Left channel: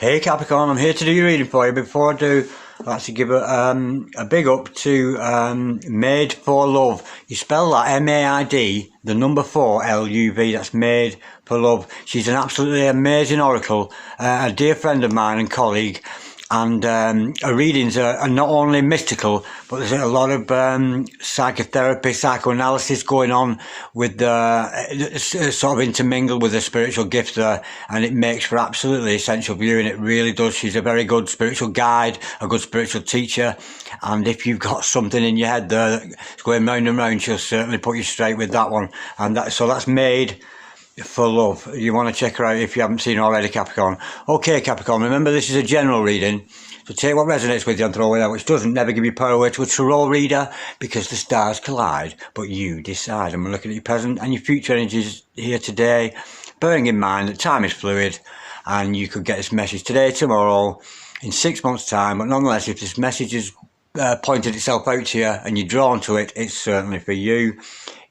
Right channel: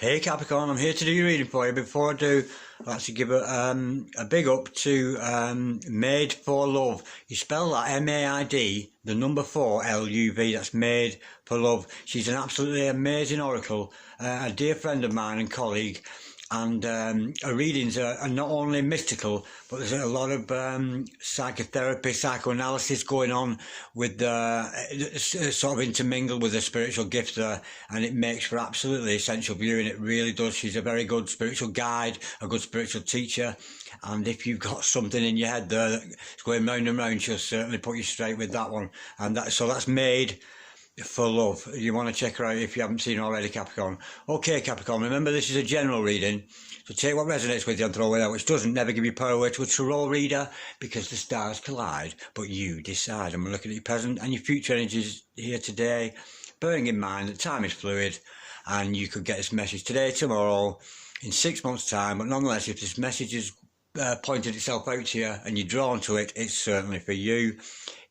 Hey Capricorn, I'm here to do your reading for you. Before I do, I'd like to give a big up to Made for Love. You spell that M-A-I-D, the number 4, L-U-V, that's Made for Love. She's an absolutely amazing oracle, a dear friend of mine and colleague. And her readings are not only mystical, but there's a lot of psychotherapy, psychoanalysis going on with sort of intermingled with the spiritual gift there, and it makes for absolutely essential viewing. It really does. She's a very good spiritual guide, a good spiritual teacher, and if you've got something in your head there that's going round and round, she'll certainly put you straight with that one. And that's Made for Love. You want to check her out if you haven't seen already, Capricorn. Okay, Capricorn, remember this is a general reading, so take what resonates with you and throw it out, which doesn't. Never give you power away to a tarot reader, because the stars collide, but you decide. And we're looking at your present and your future energies here today, bearing in mind that time is fluid, and you could get this message today, tomorrow, in 6 months' time, but nonetheless, if this message has pointed itself out to you and you're drawn to it, it's certainly for you.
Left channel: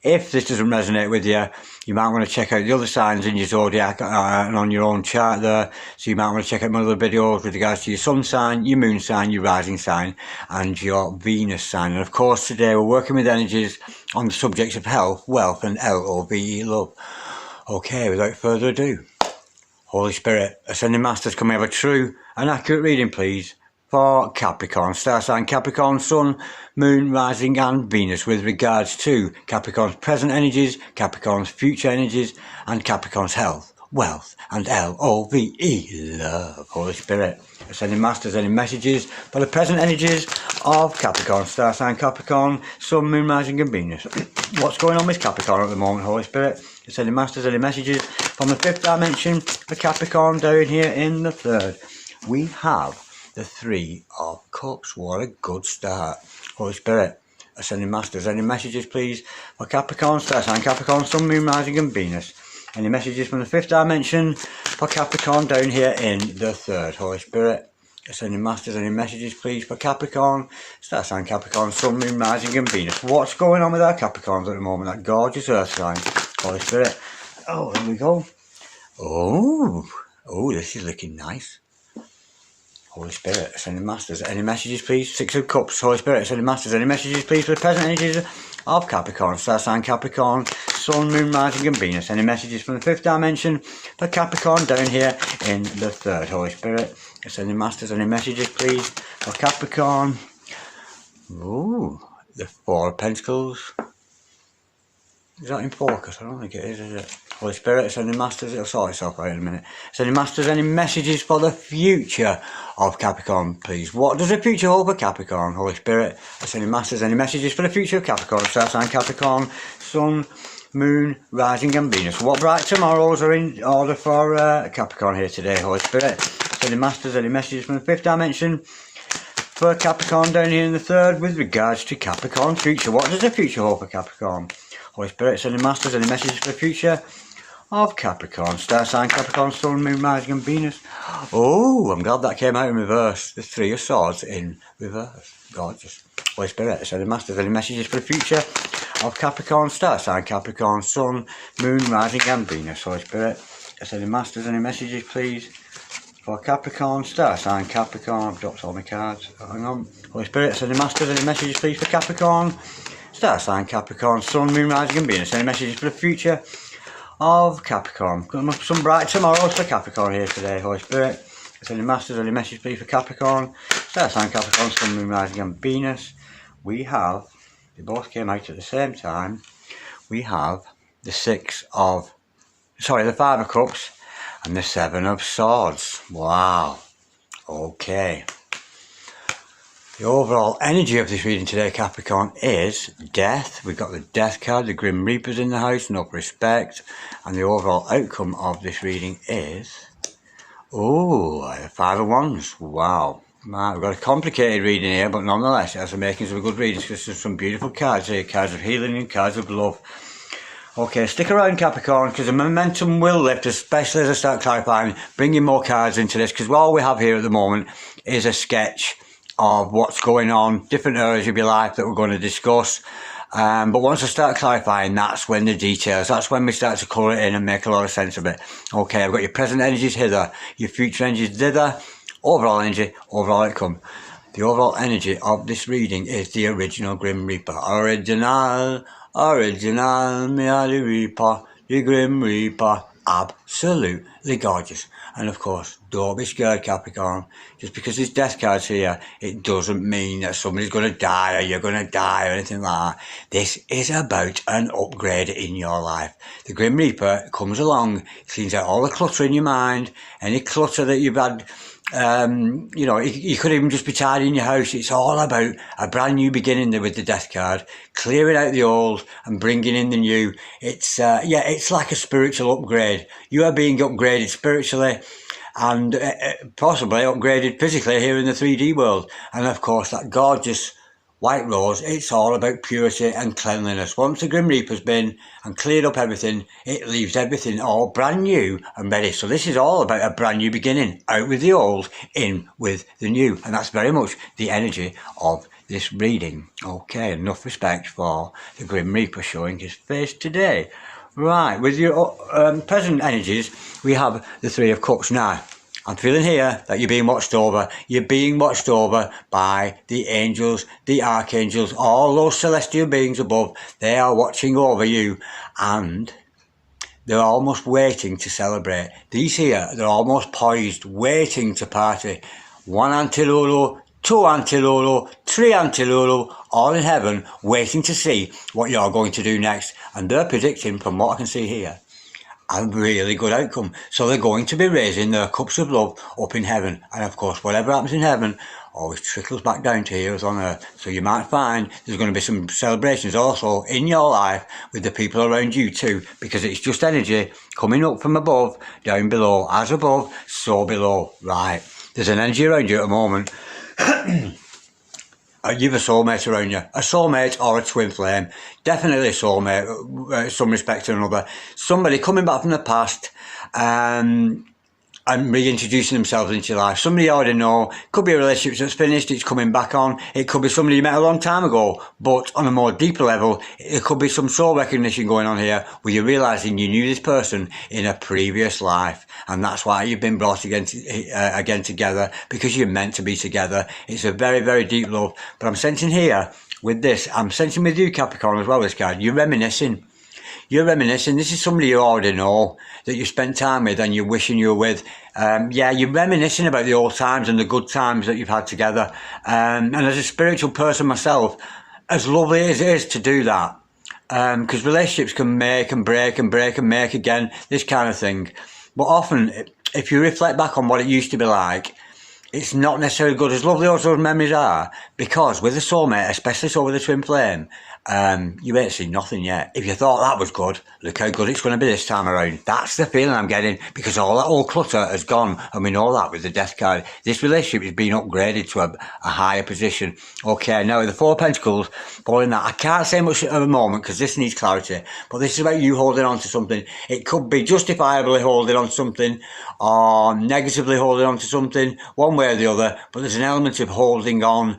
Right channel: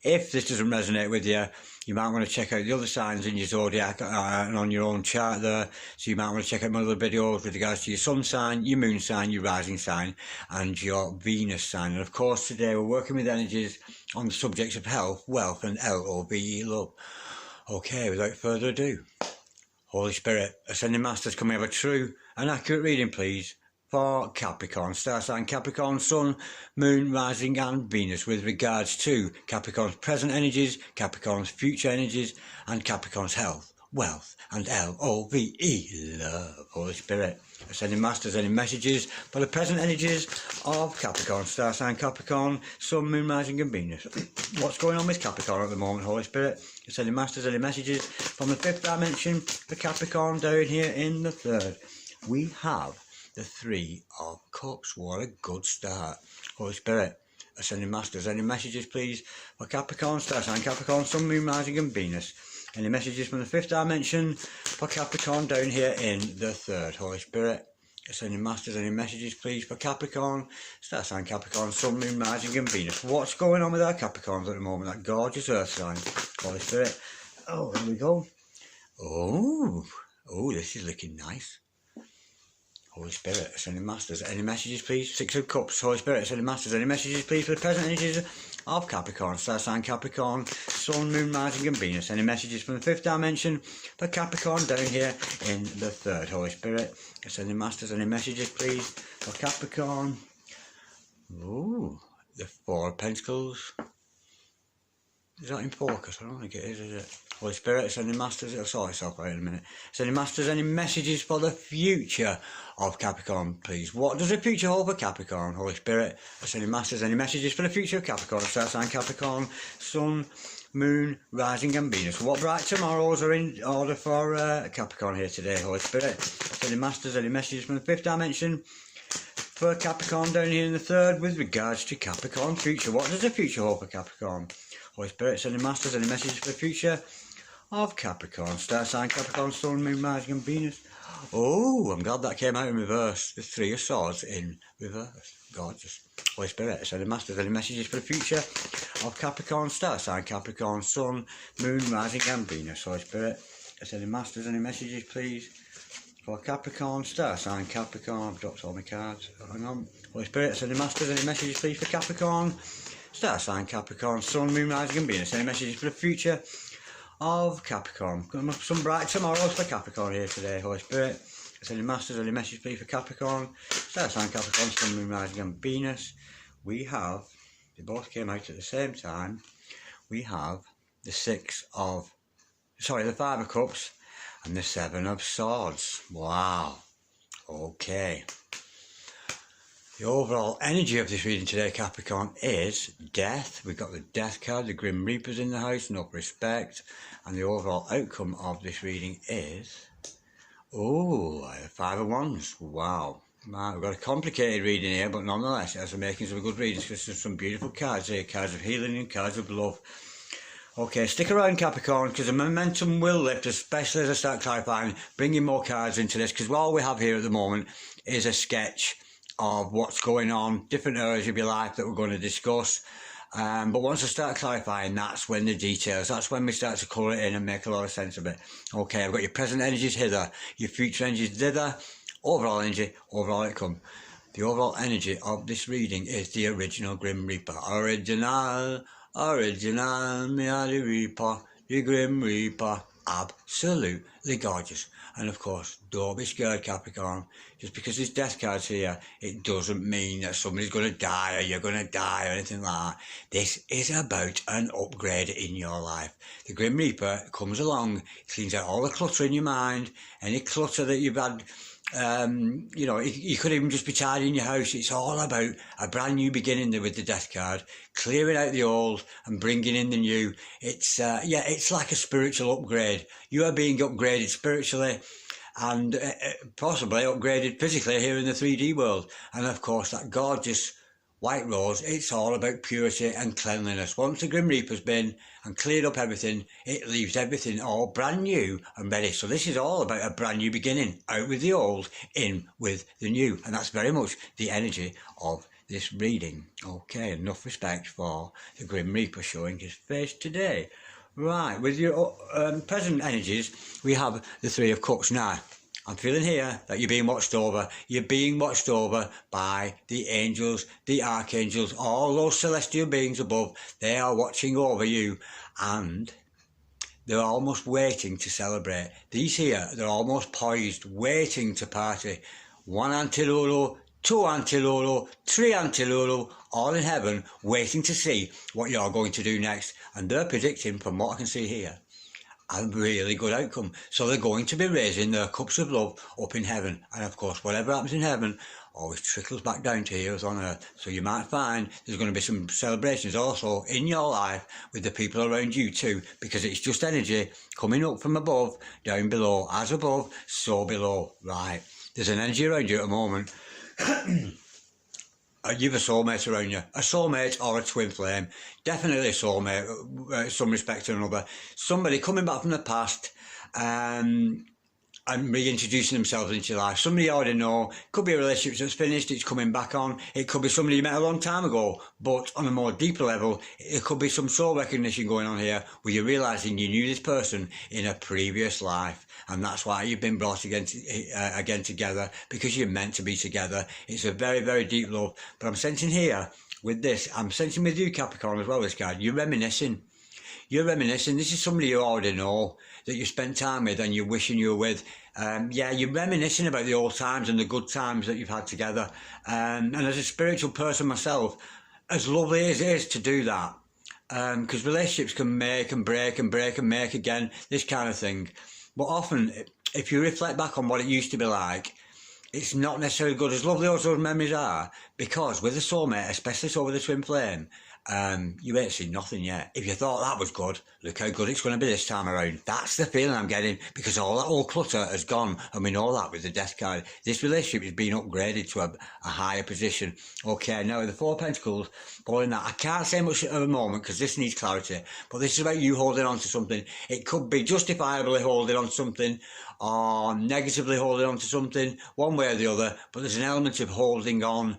If this doesn't resonate with you, you might want to check out the other signs in your zodiac and on your own chart there. So you might want to check out my other videos with regards to your sun sign, your moon sign, your rising sign, and your Venus sign. And of course, today we're working with energies on the subjects of health, wealth, and L-O-V-E, love. Okay, without further ado, Holy Spirit, Ascending Masters, can we have a true and accurate reading, please, for Capricorn, star sign Capricorn, Sun, Moon, Rising and Venus, with regards to Capricorn's present energies, Capricorn's future energies, and Capricorn's health, wealth, and L-O-V-E, love. Holy Spirit, Ascending Masters, any messages for the present energies of Capricorn, star sign Capricorn, Sun, Moon, Rising and Venus? What's going on with Capricorn at the moment, Holy Spirit? Ascending Masters, any messages from the 5th dimension for Capricorn down here in the 3rd? We have the 3 of Cups. What a good start. Holy Spirit, Ascending Masters, any messages please for Capricorn, star sign Capricorn, Sun, Moon, Rising and Venus? Any messages from the 5th dimension for Capricorn down here in the 3rd? Holy Spirit, Ascending Masters, any messages please for Capricorn, star sign Capricorn, Sun, Moon, Rising and Venus? What's going on with our Capricorns at the moment, that gorgeous earth sign? Holy Spirit, oh, here we go. Oh, this is looking nice. Holy Spirit, Ascending Masters, any messages please? 6 of Cups. Holy Spirit, Ascending Masters, any messages please for the present energies of Capricorn, star sign Capricorn, Sun, Moon, Rising and Venus? Any messages from the 5th dimension for Capricorn down here in the 3rd? Holy Spirit, Ascending Masters, any messages please for Capricorn? Ooh, the 4 of Pentacles. Is that in focus? I don't think it is it? Holy Spirit, Ascending Masters, it'll sort itself out in a minute. Ascending Masters, any messages for the future of Capricorn, please? What does the future hold for Capricorn? Holy Spirit, Ascending Masters, any messages for the future of Capricorn? Star sign Capricorn, Sun, Moon, Rising and Venus. What bright tomorrows are in order for Capricorn here today, Holy Spirit? Ascending Masters, any messages from the 5th dimension for Capricorn down here in the 3rd with regards to Capricorn's future? What does the future hold for Capricorn? Holy Spirit, Ascending Masters, any messages for the future of Capricorn? Star sign Capricorn, Sun, Moon, Rising and Venus. Oh, I'm glad that came out in reverse. The 3 of Swords in reverse. Gorgeous. Holy Spirit, Ascending Masters, any messages for the future of Capricorn? Star sign Capricorn, Sun, Moon, Rising and Venus. Holy Spirit, Ascending Masters, any messages please for Capricorn? Star sign Capricorn. I've dropped all my cards. Hang on. Holy Spirit, Ascending Masters, any messages please for Capricorn? Star sign Capricorn, Sun, Moon, Rising and Venus. Any messages for the future of Capricorn? Some bright tomorrows for Capricorn here today, Holy Spirit. Ascending Masters, any message please for Capricorn? Star sign Capricorn, Sun, Moon, Rising and Venus. We have, they both came out at the same time, we have the 5 of Cups and the 7 of Swords. Wow. Okay. The overall energy of this reading today, Capricorn, is death. We've got the Death card, the Grim Reapers in the house, no respect. And the overall outcome of this reading is, the 5 of Wands. Wow. Man, we've got a complicated reading here, but nonetheless, it has the makings of a good reading, because there's some beautiful cards here, cards of healing and cards of love. Okay, stick around, Capricorn, because the momentum will lift, especially as I start clarifying, bringing more cards into this, because all we have here at the moment is a sketch of what's going on, different areas of your life that we're going to discuss. But once I start clarifying, that's when the details, that's when we start to colour it in and make a lot of sense of it. Okay, I've got your present energies hither, your future energies thither, overall energy, overall outcome. The overall energy of this reading is the original Grim Reaper. Original, me Reaper, the Grim Reaper. Absolutely gorgeous. And of course, don't be scared, Capricorn. Just because there's death cards here, it doesn't mean that somebody's going to die or you're going to die or anything like that. This is about an upgrade in your life. The Grim Reaper comes along, cleans out all the clutter in your mind, any clutter that you've had. You know, you could even just be tidying your house. It's all about a brand new beginning there with the death card, clearing out the old and bringing in the new. It's it's like a spiritual upgrade. You are being upgraded spiritually and possibly upgraded physically here in the 3D world. And of course, that gorgeous white rose, it's all about purity and cleanliness. Once the Grim Reaper's been and cleared up everything, it leaves everything all brand new and ready. So this is all about a brand new beginning. Out with the old, in with the new. And that's very much the energy of this reading. Okay, enough respect for the Grim Reaper showing his face today. Right, with your present energies, we have the Three of Cups now. I'm feeling here that you're being watched over. You're being watched over by the angels, the archangels, all those celestial beings above. They are watching over you and they're almost waiting to celebrate. These here, they're almost poised, waiting to party. 1 Antilulu, 2 Antilulu, 3 Antilulu, all in heaven, waiting to see what you're going to do next. And they're predicting, from what I can see here, a really good outcome. So they're going to be raising their cups of love up in heaven. And of course, whatever happens in heaven always trickles back down to here on earth. So you might find there's going to be some celebrations also in your life with the people around you too, because it's just energy coming up from above, down below. As above, so below. Right. There's an energy around you at the moment. You've a soulmate around you, a soulmate or a twin flame, definitely a soulmate, some respect to another, somebody coming back from the past and reintroducing themselves into your life. Somebody you already know, could be a relationship that's finished, it's coming back on, it could be somebody you met a long time ago, but on a more deeper level, it could be some soul recognition going on here where you're realising you knew this person in a previous life, and that's why you've been brought again together, because you're meant to be together. It's a very, very deep love, but I'm sensing here with this, I'm sensing with you, Capricorn, as well, this card, you're reminiscing. You're reminiscing. This is somebody you already know that you spent time with and you're wishing you were with. You're reminiscing about the old times and the good times that you've had together. And as a spiritual person myself, as lovely as it is to do that, because relationships can make and break and break and make again, this kind of thing. But often, if you reflect back on what it used to be like, it's not necessarily good, as lovely as those memories are, because with a soulmate, especially so with a twin flame, you ain't seen nothing yet. If you thought that was good, look how good it's going to be this time around. That's the feeling I'm getting, because all that old clutter has gone, and we know that with the death card. This relationship is being upgraded to a higher position. Okay, now with the Four of Pentacles, following that, I can't say much at the moment because this needs clarity, but this is about you holding on to something. It could be justifiably holding on to something, or negatively holding on to something, one way or the other, but there's an element of holding on.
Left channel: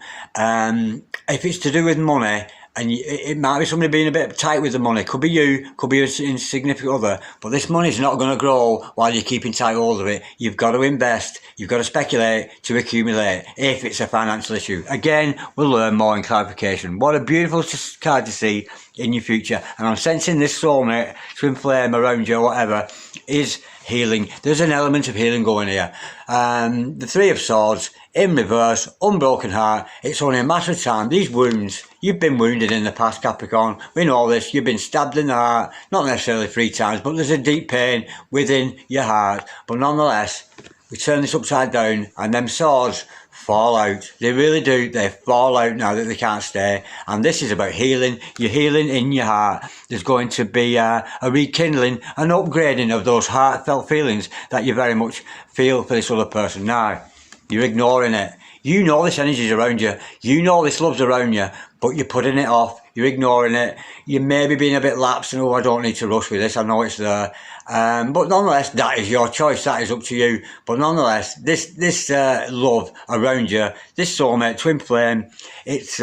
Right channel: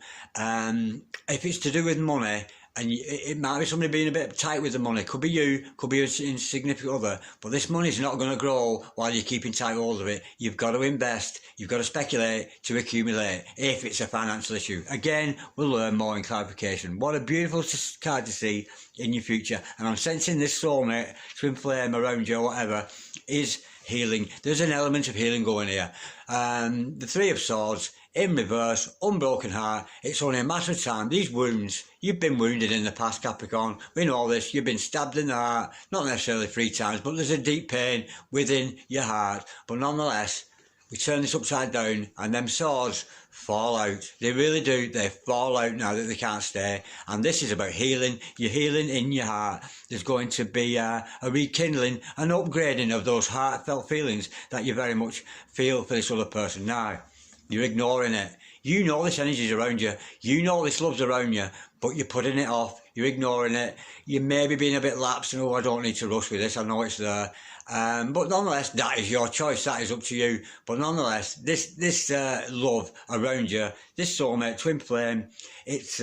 If it's to do with money, and it might be somebody being a bit tight with the money. Could be you, could be an insignificant other. But this money's not going to grow while you're keeping tight hold of it. You've got to invest. You've got to speculate to accumulate if it's a financial issue. Again, we'll learn more in clarification. What a beautiful card to see in your future. And I'm sensing this soulmate, twin flame around you or whatever, is healing. There's an element of healing going here. The Three of Swords, in reverse, unbroken heart. It's only a matter of time. These wounds, you've been wounded in the past, Capricorn. We know this. You've been stabbed in the heart, not necessarily 3 times, but there's a deep pain within your heart. But nonetheless, we turn this upside down and them swords fall out. They really do. They fall out now that they can't stay. And this is about healing. You're healing in your heart. There's going to be a rekindling, an upgrading of those heartfelt feelings that you very much feel for this other person. Now, you're ignoring it. You know this energy's around you. You know this love's around you, but you're putting it off. You're ignoring it. You may be being a bit lapsed and, I don't need to rush with this. I know it's there. But nonetheless, that is your choice. That is up to you. But nonetheless, this love around you, this soulmate, twin flame, it's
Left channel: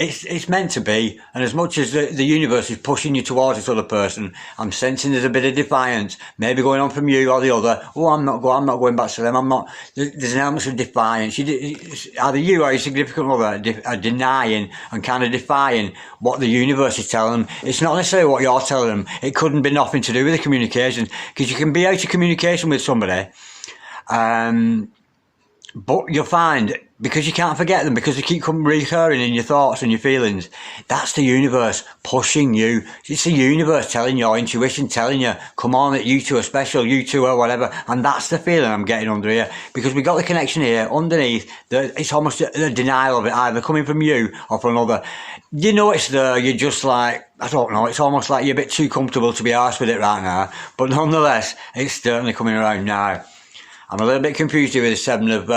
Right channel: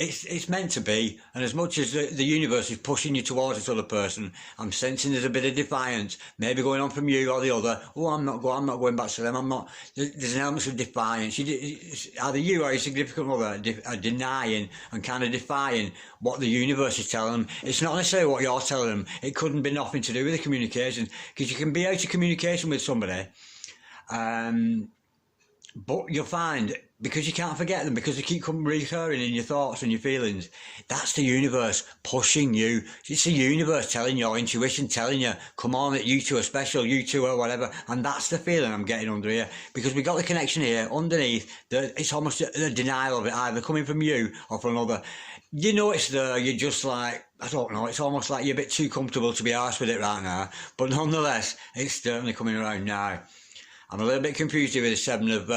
it's meant to be, and as much as the universe is pushing you towards this other person, I'm sensing there's a bit of defiance, maybe going on from you or the other. Oh, I'm not going back to them. I'm not. There's an element of defiance. Either you or your significant other are denying and kind of defying what the universe is telling them. It's not necessarily what you're telling them. It couldn't be nothing to do with the communication, because you can be out of communication with somebody. But you'll find, because you can't forget them, because they keep recurring in your thoughts and your feelings, that's the universe pushing you. It's the universe telling your intuition, telling you, come on, that you two are special, you two are whatever. And that's the feeling I'm getting under here, because we got the connection here underneath. It's almost a denial of it, either coming from you or from another. You know it's there, you're just like, I don't know, it's almost like you're a bit too comfortable to be arsed with it right now. But nonetheless, it's certainly coming around now. I'm a little bit confused here with the Seven of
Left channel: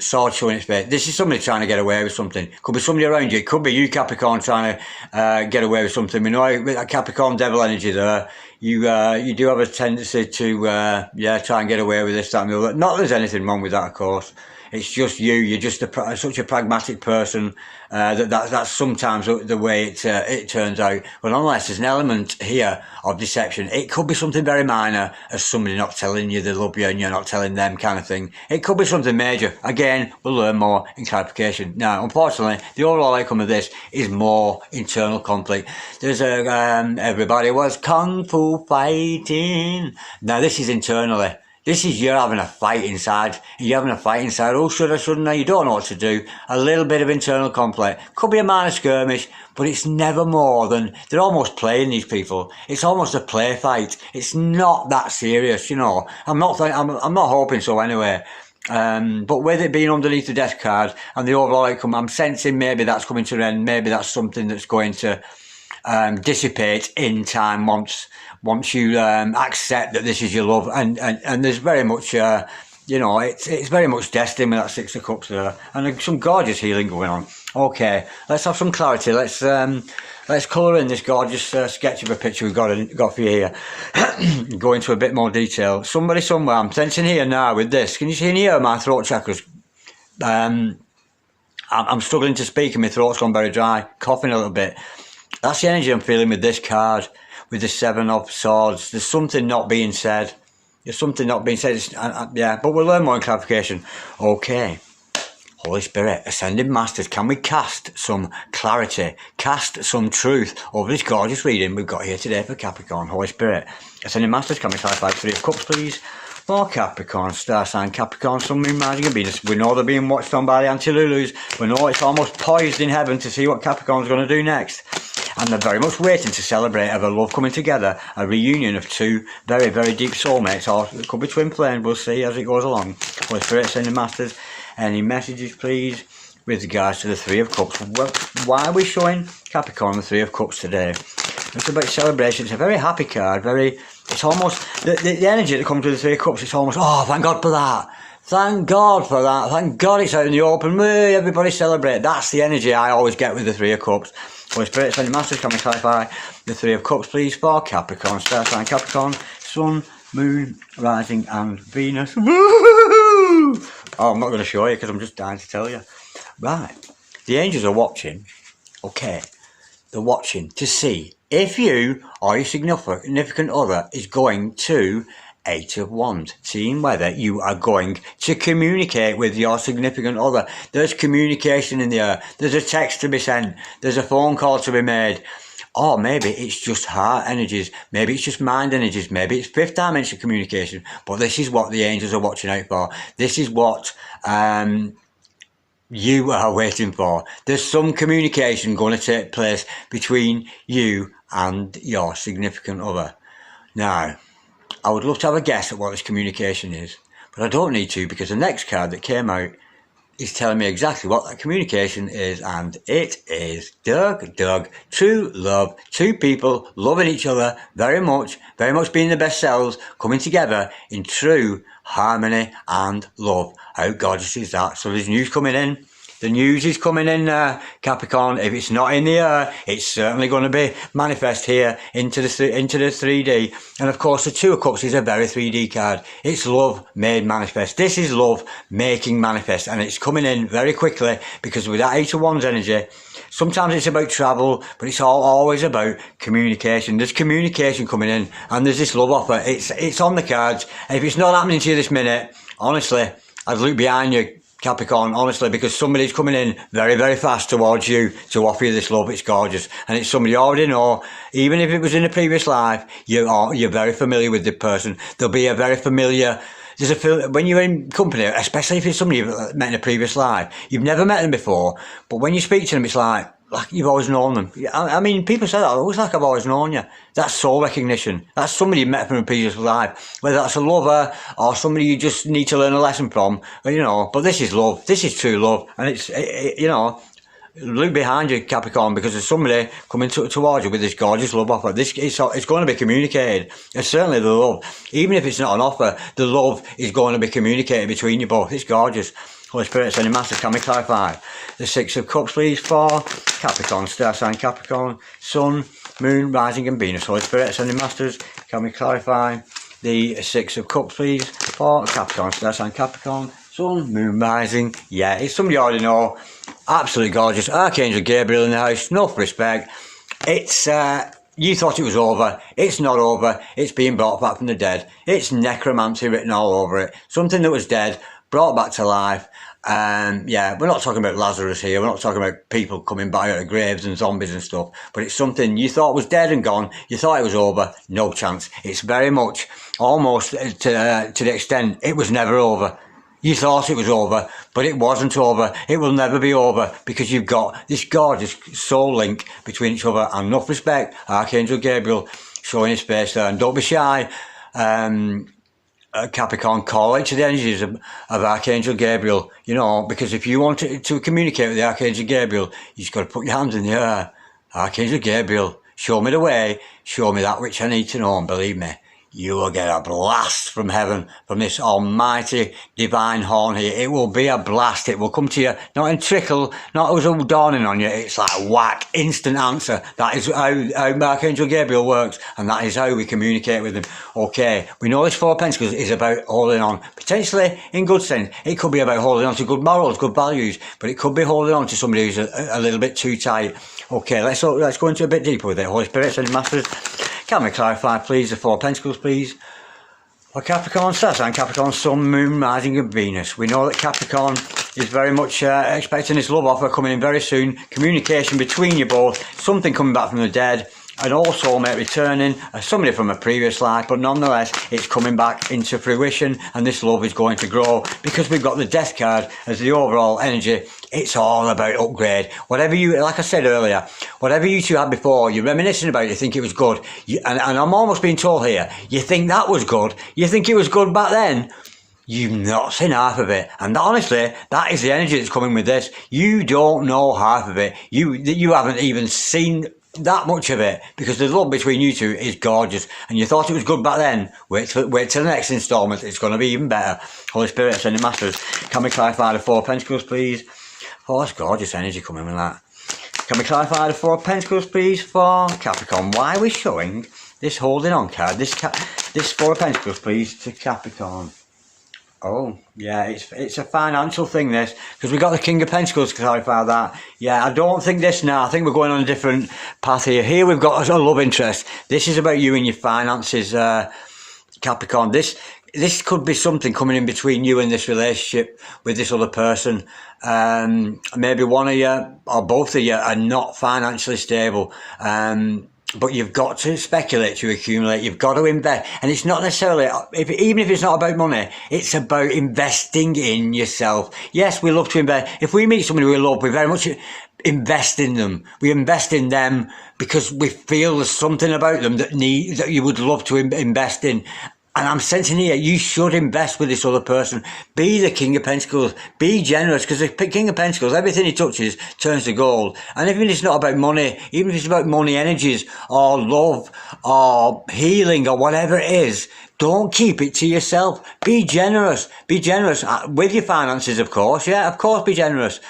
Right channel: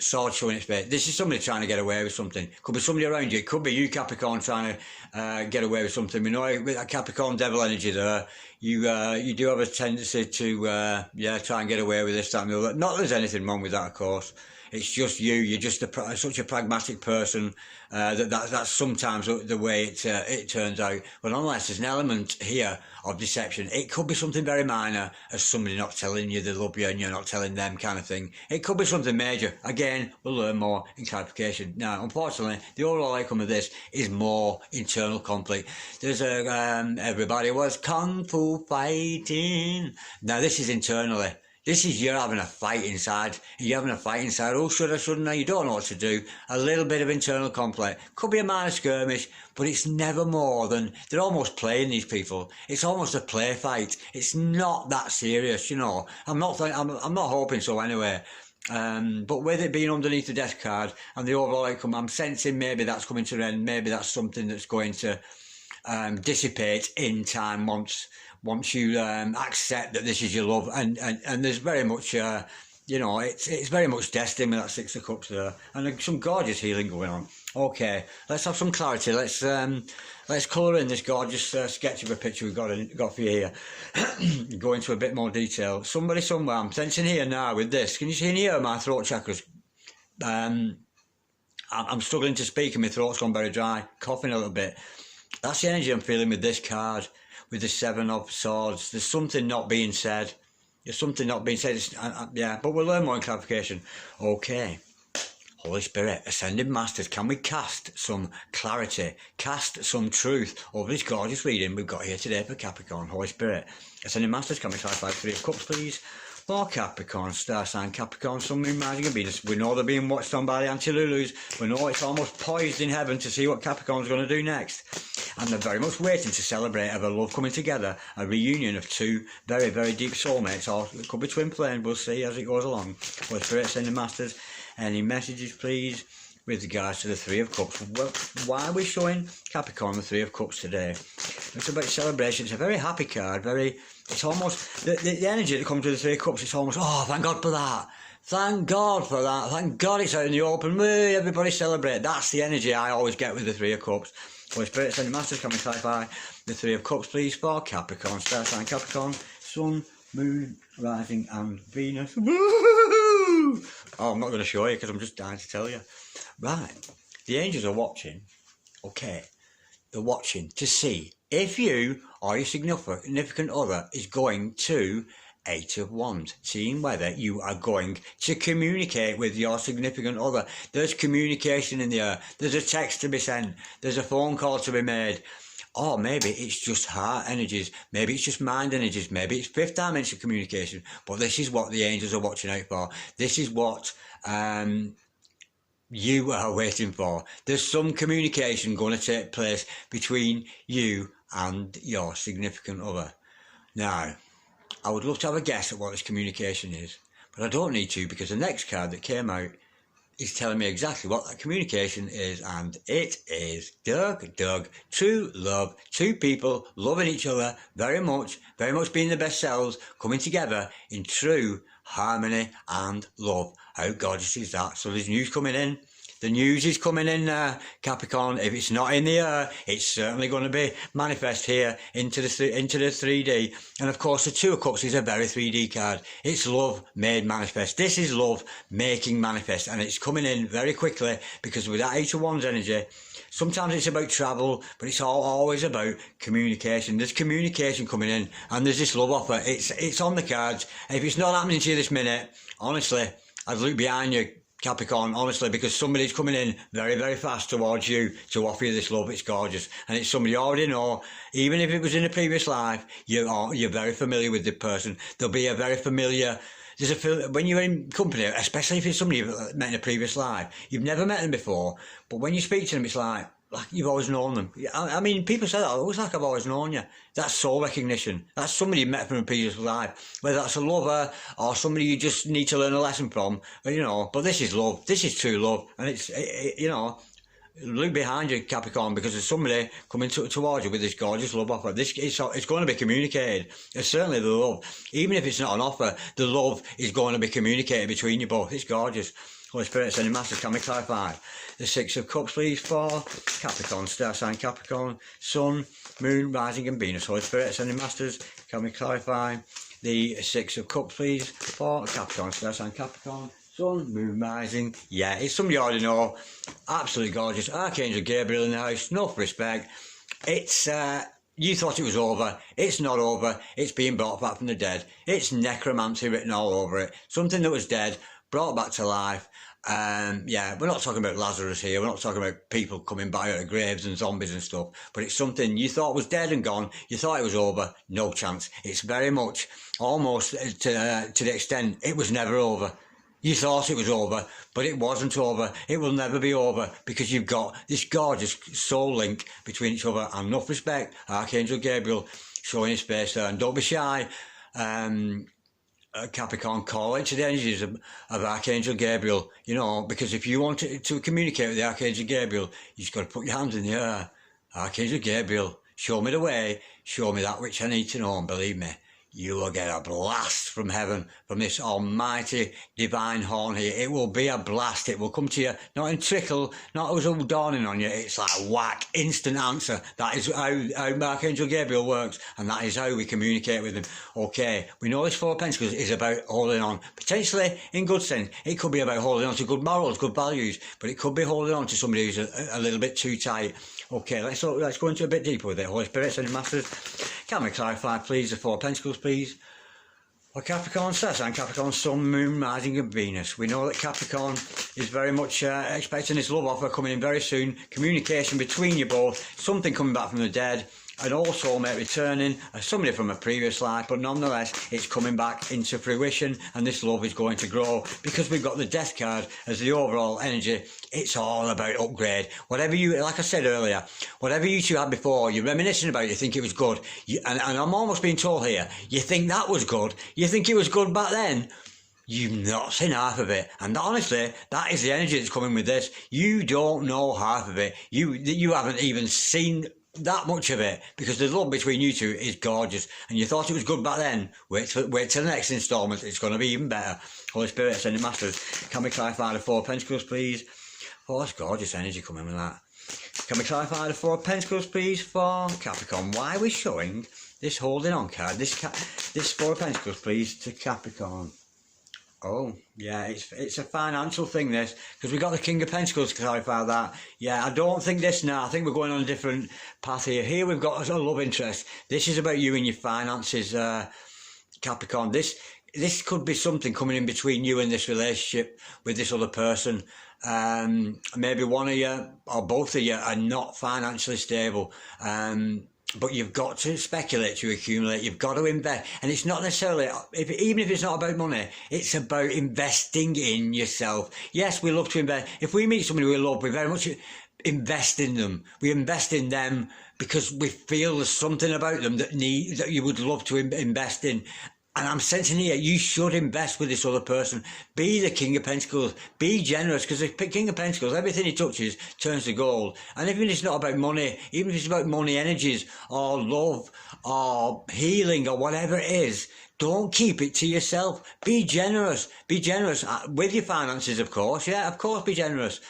Swords showing its face. This is somebody trying to get away with something. Could be somebody around you. It could be you, Capricorn, trying to get away with something. We know with that Capricorn devil energy there, you do have a tendency to try and get away with this, that and the other. Not that there's anything wrong with that, of course. It's just you. You're just such a pragmatic person that's sometimes the way it turns out. But unless there's an element here of deception, it could be something very minor, as somebody not telling you they love you and you're not telling them, kind of thing. It could be something major. Again, we'll learn more in clarification. Now, unfortunately, the overall outcome of this is more internal conflict. There's everybody was kung fu fighting. Now, this is internally. This is you're having a fight inside. You're having a fight inside. Oh, should I, shouldn't I? You don't know what to do. A little bit of internal conflict. Could be a minor skirmish, but it's never more than... They're almost playing, these people. It's almost a play fight. It's not that serious, you know. I'm not hoping so anyway. But with it being underneath the death card and the overall outcome, I'm sensing maybe that's coming to an end. Maybe that's something that's going to dissipate in time once you accept that this is your love, and there's very much it's very much destined with that Six of Cups there, and there's some gorgeous healing going on. Okay, let's have some clarity. Let's colour in this gorgeous sketch of a picture we've got for you here. Go into a bit more detail. Somebody somewhere, I'm sensing here now with this. Can you see in here my throat chakras? I'm struggling to speak and my throat's gone very dry, coughing a little bit. That's the energy I'm feeling with this card, with the Seven of Swords. There's something not being said. There's something not being said. But we'll learn more in clarification. Okay. Holy Spirit, Ascended Masters, can we cast some clarity, cast some truth over this gorgeous reading we've got here today for Capricorn? Holy Spirit, Ascended Masters, can we clarify Three of Cups, please? For Capricorn, star sign Capricorn, Sun, Moon, Rising and Venus. We know they're being watched on by the Anti-Lulus. We know it's almost poised in heaven to see what Capricorn's going to do next. And they're very much waiting to celebrate of a love coming together, a reunion of two very, very deep soulmates, or it could be twin flames, we'll see as it goes along. Holy Spirit, Ascended Masters, any messages, please, with regards to the Three of Cups? Why are we showing Capricorn the Three of Cups today? It's about celebration. It's a very happy card, it's almost, the energy that comes with the Three of Cups, it's almost, oh, thank God for that. Thank God for that. Thank God it's out in the open. Everybody celebrate. That's the energy I always get with the Three of Cups. Holy Spirit, Ascended Masters, can we clarify the Three of Cups, please, for Capricorn, star sign Capricorn, Sun, Moon, Rising and Venus. Woo-hoo-hoo! Oh, I'm not going to show you because I'm just dying to tell you. Right. The angels are watching. Okay. They're watching to see if you or your significant other is going to Eight of Wands, seeing whether you are going to communicate with your significant other. There's communication in the air. There's a text to be sent. There's a phone call to be made. Or maybe it's just heart energies. Maybe it's just mind energies. Maybe it's fifth dimension communication. But this is what the angels are watching out for. This is what you are waiting for. There's some communication going to take place between you and your significant other. Now, I would love to have a guess at what this communication is, but I don't need to, because the next card that came out is telling me exactly what that communication is, and it is true love, two people loving each other very much being their best selves, coming together in true harmony and love. How gorgeous is that? So there's news coming in. The news is coming in, Capricorn. If it's not in the air, it's certainly going to be manifest here into the 3D. And of course, the Two of Cups is a very 3D card. It's love made manifest. This is love making manifest, and it's coming in very quickly because with that Eight of Wands energy, Sometimes it's about travel, but it's always about communication. There's communication coming in, and there's this love offer. It's on the cards. And if it's not happening to you this minute, honestly, I'd look behind you, Capricorn, honestly, because somebody's coming in very, very fast towards you to offer you this love. It's gorgeous. And it's somebody you already know. Even if it was in a previous life, you're very familiar with the person. There'll be a very familiar... when you're in company, especially if it's somebody you've met in a previous life, you've never met them before, but when you speak to them, it's like you've always known them. I mean, people say that, it looks like I've always known you. That's soul recognition. That's somebody you met from a previous life, whether that's a lover or somebody you just need to learn a lesson from, but this is love. This is true love, and it's, look behind you, Capricorn, because there's somebody coming towards you with this gorgeous love offer. It's going to be communicated. It's certainly the love. Even if it's not an offer, the love is going to be communicated between you both. It's gorgeous. Holy Spirit, Sending Masters, can we clarify the Six of Cups, please, for Capricorn, star sign Capricorn, Sun, Moon, Rising and Venus. Holy Spirit, Sending Masters, can we clarify the Six of Cups, please, for Capricorn, star sign Capricorn, Sun, Moon, Rising. Yeah, it's somebody you already know. Absolutely gorgeous. Archangel Gabriel in the house. Enough respect. It's, you thought it was over. It's not over. It's being brought back from the dead. It's necromancy written all over it. Something that was dead, brought back to life. Yeah, we're not talking about Lazarus here. We're not talking about people coming back out of graves and zombies and stuff. But it's something you thought was dead and gone. You thought it was over. No chance. It's very much almost to the extent it was never over. You thought it was over, but it wasn't over. It will never be over because you've got this gorgeous soul link between each other. And enough respect, Archangel Gabriel showing his face there. And don't be shy, Capricorn, call into the energies of Archangel Gabriel, because if you want to communicate with the Archangel Gabriel, you just got to put your hands in the air. Archangel Gabriel, show me the way, show me that which I need to know, and believe me, you will get a blast from heaven, from this almighty divine horn here. It will be a blast. It will come to you, not in trickle, not as all dawning on you. It's like whack, instant answer. That is how Archangel Gabriel works, and that is how we communicate with him. Okay, we know this Four of Pentacles is about holding on, potentially in good sense. It could be about holding on to good morals, good values, but it could be holding on to somebody who's a little bit too tight. Okay, let's go into a bit deeper with it. Holy Spirit, Sending Masters, can we clarify, please, the Four of Pentacles, please? For Capricorn, star sign Capricorn, Sun, Moon, Rising and Venus. We know that Capricorn is very much expecting this love offer coming in very soon. Communication between you both, something coming back from the dead, an old soulmate returning, somebody from a previous life, but nonetheless, it's coming back into fruition, and this love is going to grow because we've got the Death card as the overall energy. It's all about upgrade. Whatever you, like I said earlier, whatever you two had before, you're reminiscing about it, you think it was good. And I'm almost being told here, you think that was good, you think it was good back then, you've not seen half of it. And honestly, that is the energy that's coming with this. You don't know half of it. You haven't even seen that much of it, because the love between you two is gorgeous, and you thought it was good back then. Wait till the next instalment, it's going to be even better. Holy Spirit, Sending Masters, can we clarify the Four of Pentacles, please? Oh, that's gorgeous energy coming with that. Can we clarify the Four of Pentacles, please, for Capricorn? Why are we showing this holding on card, this Four of Pentacles, please, to Capricorn? Oh, yeah, it's a financial thing, this, because we've got the King of Pentacles to clarify that. Yeah, I don't think this now. I think we're going on a different path here. Here we've got a love interest. This is about you and your finances, Capricorn. This could be something coming in between you and this relationship with this other person. Maybe one of you or both of you are not financially stable. But you've got to speculate to accumulate. You've got to invest. And it's not necessarily, even if it's not about money, it's about investing in yourself. Yes, we love to invest. If we meet somebody we love, we very much invest in them. We invest in them because we feel there's something about them that you would love to invest in. And I'm sensing here, you should invest with this other person. Be the King of Pentacles. Be generous, because the King of Pentacles, everything he touches turns to gold. And even if it's not about money, even if it's about money energies or love or healing or whatever it is, Don't keep it to yourself. Be generous. Be generous with your finances, of course. Yeah, of course, be generous.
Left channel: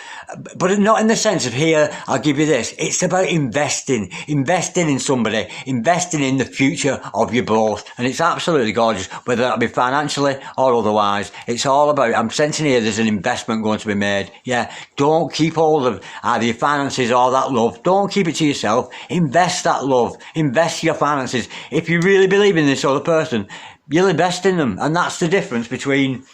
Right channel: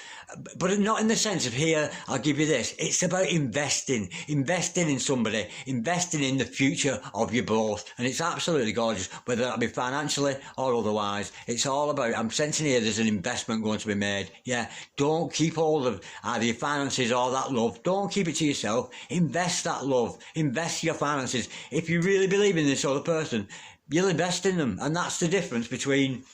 But not in the sense of, here, I'll give you this. It's about investing. Investing in somebody. Investing in the future of you both. And it's absolutely gorgeous, whether that be financially or otherwise. It's all about, I'm sensing here there's an investment going to be made. Yeah, don't keep hold of either your finances or that love. Don't keep it to yourself. Invest that love. Invest your finances. If you really believe in this other person, you'll invest in them. And that's the difference between,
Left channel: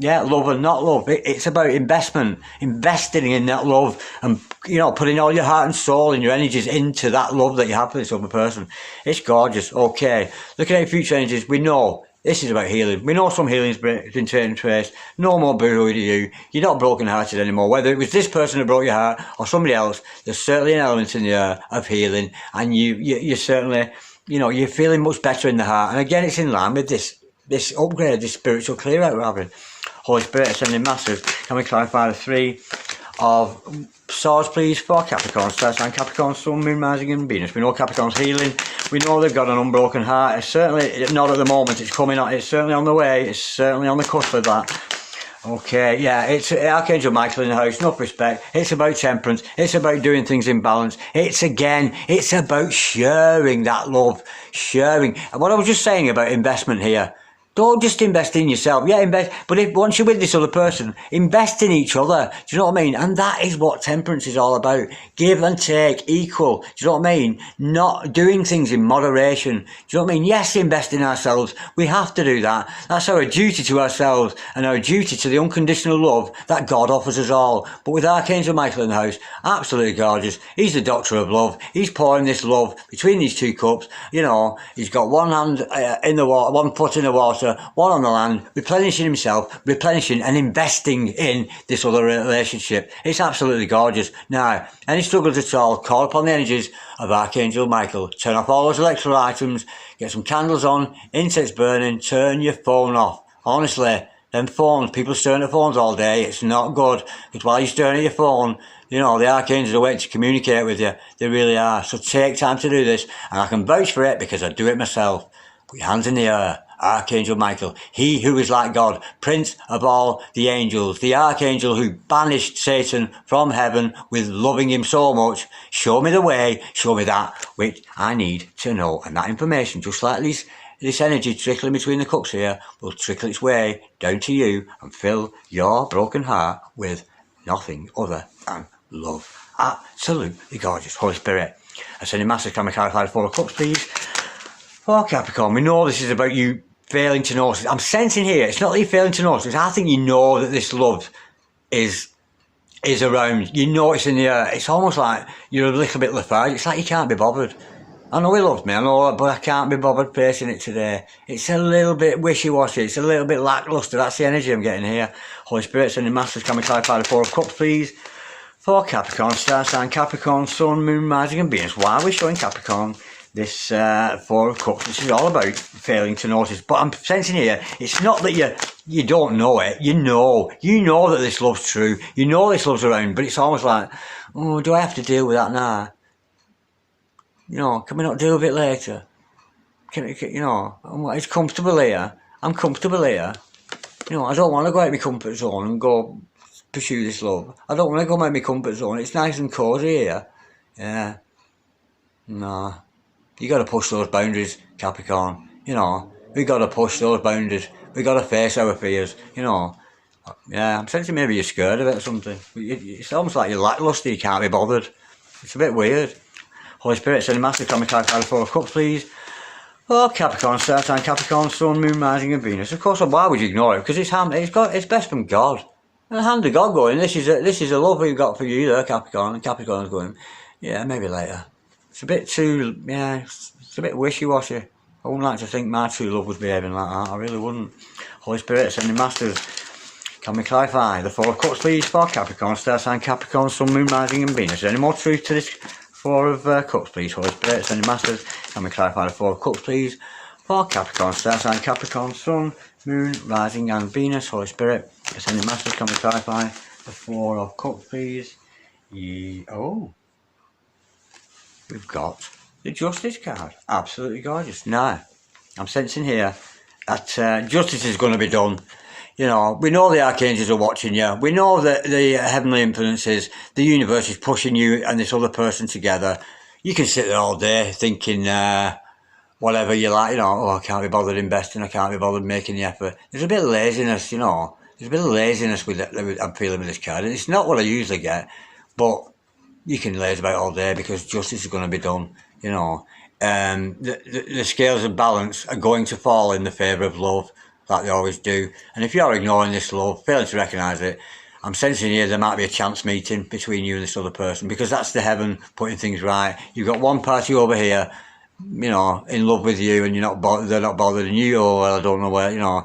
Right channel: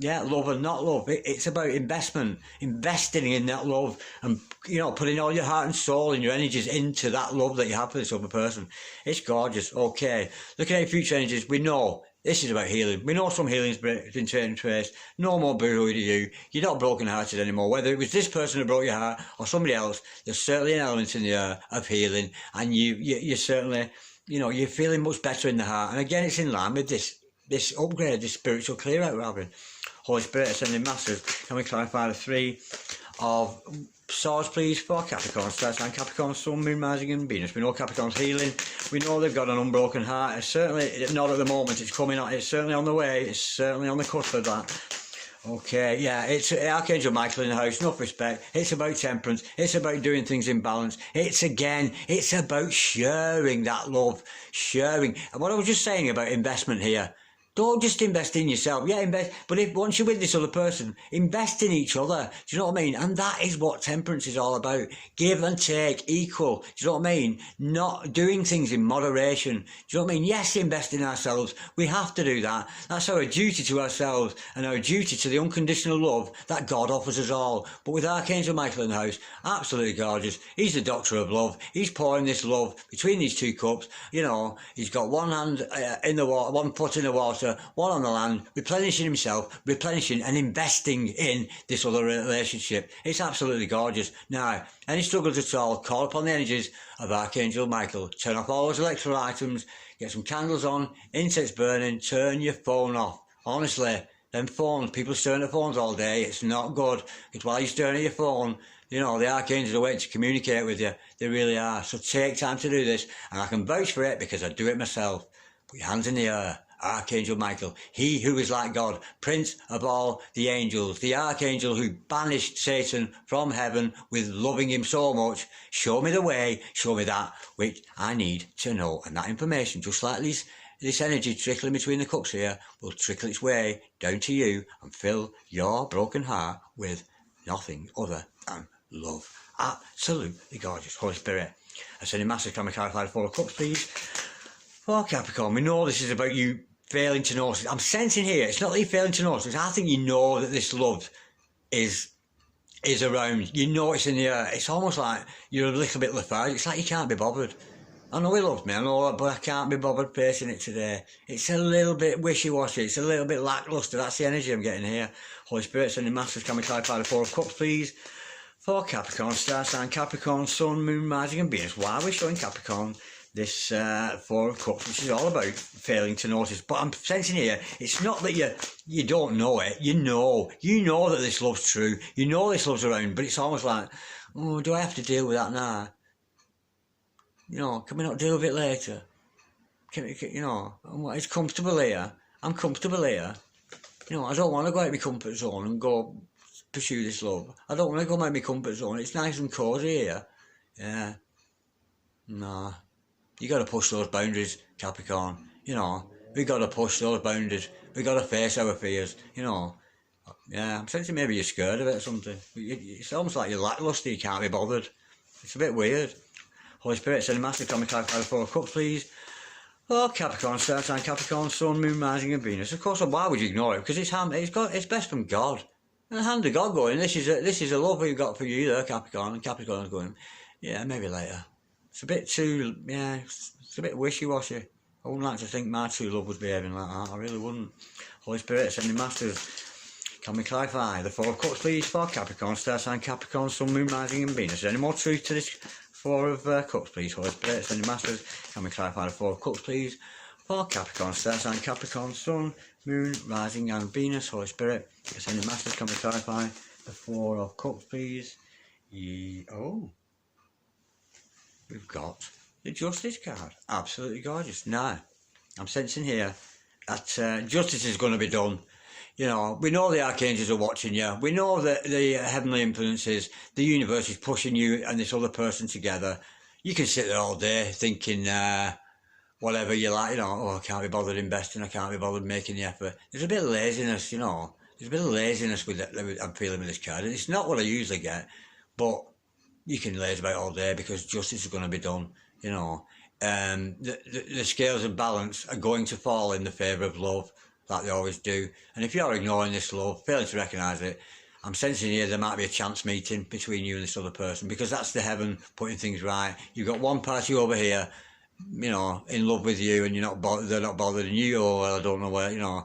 yeah, love and not love. It's about investment, investing in that love, and, you know, putting all your heart and soul and your energies into that love that you have for this other person. It's gorgeous. Okay, looking at your future energies, we know this is about healing. We know some healing's been taken place. No more boo-hoo to you. You're not broken-hearted anymore. Whether it was this person who broke your heart or somebody else, there's certainly an element in the air of healing, and you certainly, you know, you're feeling much better in the heart. And again, it's in line with this upgrade, this spiritual clear out we're having. Holy Spirit ascending masters, can we clarify the 3 of Swords, please, for Capricorn, Star sign Capricorn, Sun, Moon, Rising and Venus. We know Capricorn's healing. We know they've got an unbroken heart. It's certainly not at the moment. It's coming on. It's certainly on the way. It's certainly on the cusp of that. Okay, yeah, it's Archangel Michael in the house, enough respect. It's about temperance. It's about doing things in balance. It's about sharing that love. Sharing. And what I was just saying about investment here, don't just invest in yourself. Yeah, invest. But if once you're with this other person, invest in each other. Do you know what I mean? And that is what temperance is all about. Give and take, equal. Do you know what I mean? Not doing things in moderation. Do you know what I mean? Yes, invest in ourselves. We have to do that. That's our duty to ourselves and our duty to the unconditional love that God offers us all. But with Archangel Michael in the house, absolutely gorgeous. He's the doctor of love. He's pouring this love between these 2 cups. You know, he's got one hand in the water, one foot in the water, one on the land, replenishing himself, replenishing and investing in this other relationship. It's absolutely gorgeous. Now, any struggles at all, call upon the energies of Archangel Michael. Turn off all those electrical items, get some candles on, incense burning, turn your phone off. Honestly, them phones, people staring at phones all day, it's not good. Because while you're staring at your phone, you know, the archangels are waiting to communicate with you. They really are. So take time to do this. And I can vouch for it because I do it myself. Put your hands in the air. Archangel Michael, he who is like God, Prince of all the angels, the Archangel who banished Satan from heaven with loving him so much. Show me the way, show me that which I need to know. And that information, just like this energy trickling between the cups here, will trickle its way down to you and fill your broken heart with nothing other than love. Absolutely gorgeous. Holy Spirit, ascending masters, can we clarify the 4 of cups, please? For Capricorn, we know this is about you failing to notice. I'm sensing here, it's not that you're failing to notice. I think you know that this love is around. You know it's in the air. It's almost like you're a little bit lethargic. It's like you can't be bothered. I know he loves me, I know, but I can't be bothered facing it today. It's a little bit wishy-washy. It's a little bit lackluster. That's the energy I'm getting here. Holy Spirit, sending masters, can we clarify the 4 of cups, please? For Capricorn, star sign Capricorn, Sun, Moon, Rising and Venus. Why are we showing Capricorn this 4 of cups, which is all about failing to notice? But I'm sensing here, it's not that you don't know it. You know that this love's true. You know this love's around, but it's almost like, oh, do I have to deal with that now? You know, can we not deal with it later? You know, it's comfortable here. I'm comfortable here. You know, I don't want to go out of my comfort zone and go pursue this love. I don't want to go out of my comfort zone. It's nice and cosy here. Yeah. No. You got to push those boundaries, Capricorn. You know, we got to push those boundaries. We got to face our fears. You know. Yeah, I'm sensing maybe you're scared of it or something. It's almost like you're lackluster. You can't be bothered. It's a bit weird. Holy Spirit, sending massive comic card 4 of cups, please. Oh, Capricorn, star sign Capricorn, Sun, Moon, Rising and Venus. Of course, why would you ignore it? Because it's best from God. And the hand of God going, this is a love we've got for you there, Capricorn. And Capricorn's going, yeah, maybe later. It's a bit too, yeah, it's a bit wishy-washy. I wouldn't like to think my true love was behaving like that. I really wouldn't. Holy Spirit, sending masters. Can we clarify the 4 of cups, please, for Capricorn, star sign Capricorn, Sun, Moon, Rising and Venus? Is there any more truth to this 4 of cups, please? Holy Spirit, sending masters. Can we clarify the 4 of cups, please, for Capricorn, star sign Capricorn, Sun, Moon, Rising and Venus? Holy Spirit, sending masters. Can we clarify the 4 of cups, please? Oh, we've got the Justice card. Absolutely gorgeous. Now, I'm sensing here that justice is going to be done. You know, we know the archangels are watching you. We know that the heavenly influences, the universe is pushing you and this other person together. You can sit there all day thinking whatever you like, you know, oh, I can't be bothered investing, I can't be bothered making the effort. There's a bit of laziness, you know. There's a bit of laziness with I'm feeling with this card. And it's not what I usually get, but you can laze about all day because justice is going to be done, you know. The scales of balance are going to fall in the favour of love, like they always do. And if you're ignoring this love, failing to recognise it, I'm sensing here there might be a chance meeting between you and this other person, because that's the heaven putting things right. You've got one party over here, you know, in love with you, and they're not bothering you, or I don't know where, you know.